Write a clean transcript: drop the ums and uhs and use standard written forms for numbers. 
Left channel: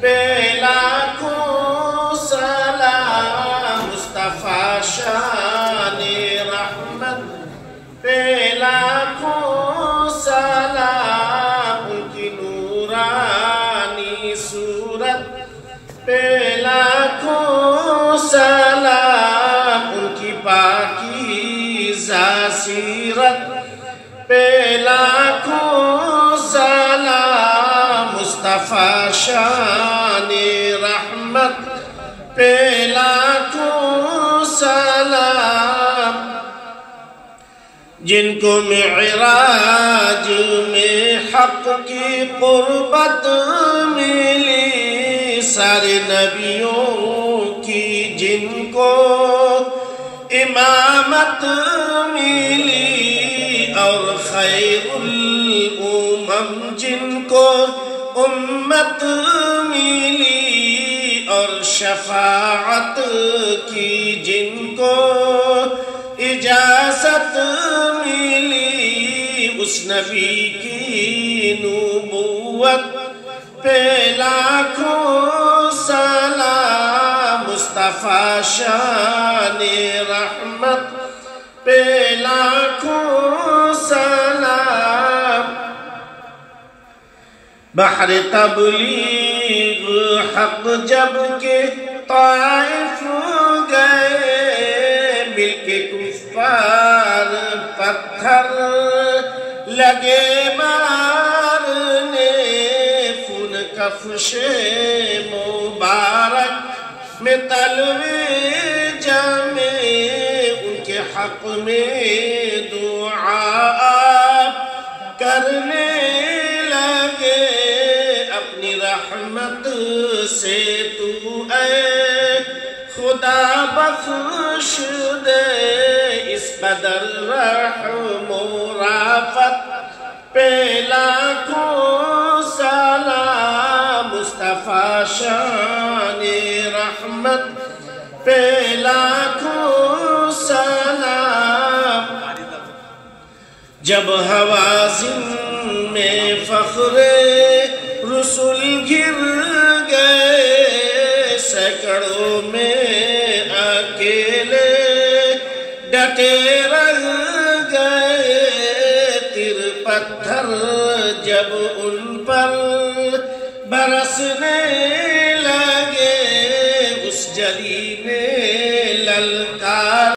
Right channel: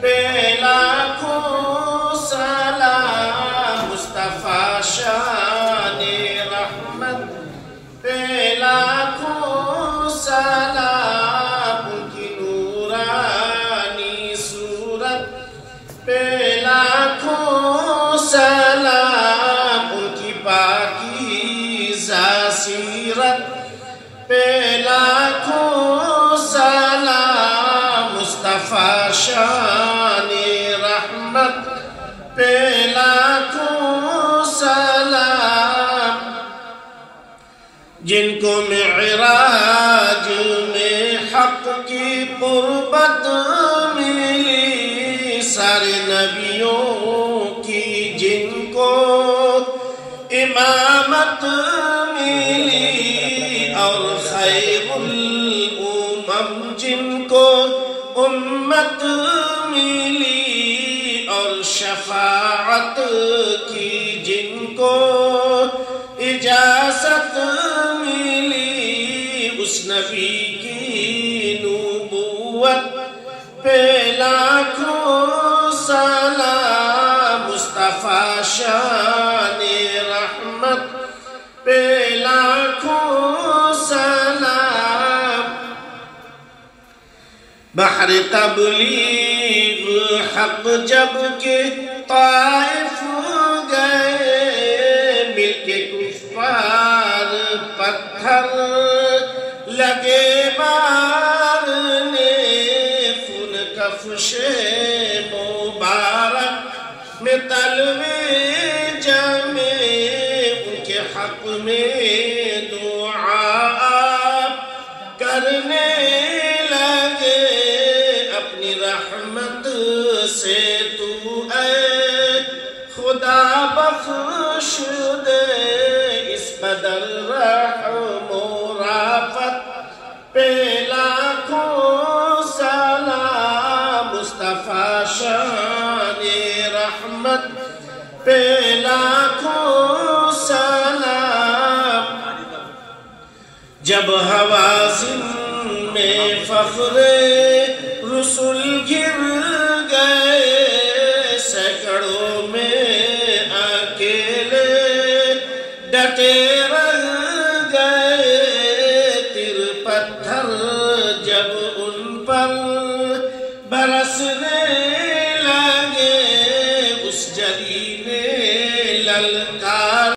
پہ لاکھوں سلام مصطفیٰ شان رحمت پہ لاکھوں سلام ان کی نورانی صورت پہ لاکھوں سلام ان کی پاکیزہ سیرت پہ لاکھوں سلام مصطفیٰ شان رحمت پہ لاکھوں سلام جن کو معراج میں حق کی قربت ملی سارے نبیوں کی جن کو امامت ملی اور خیر الامم جن کو امت ملی اور شفاعت کی جن کو اجازت ملی اس نبی کی نبوت پہ لاکھوں سلام مصطفیٰ شان رحمت پہ لاکھوں سلام بحر تبلیغ حق جب کہ طائف گئے مل کے کفار پتھر لگے مارنے خون کفش مبارک میں تلوے جمے ان کے حق میں دعا کرنے لگے اپنی رحمت سے تو اے خدا بخش دے اس قدر رحم و رافت پہ لاکھوں سلام مصطفیٰ شان رحمت پہ لاکھوں سلام جب حوازن میں فخر رسول گر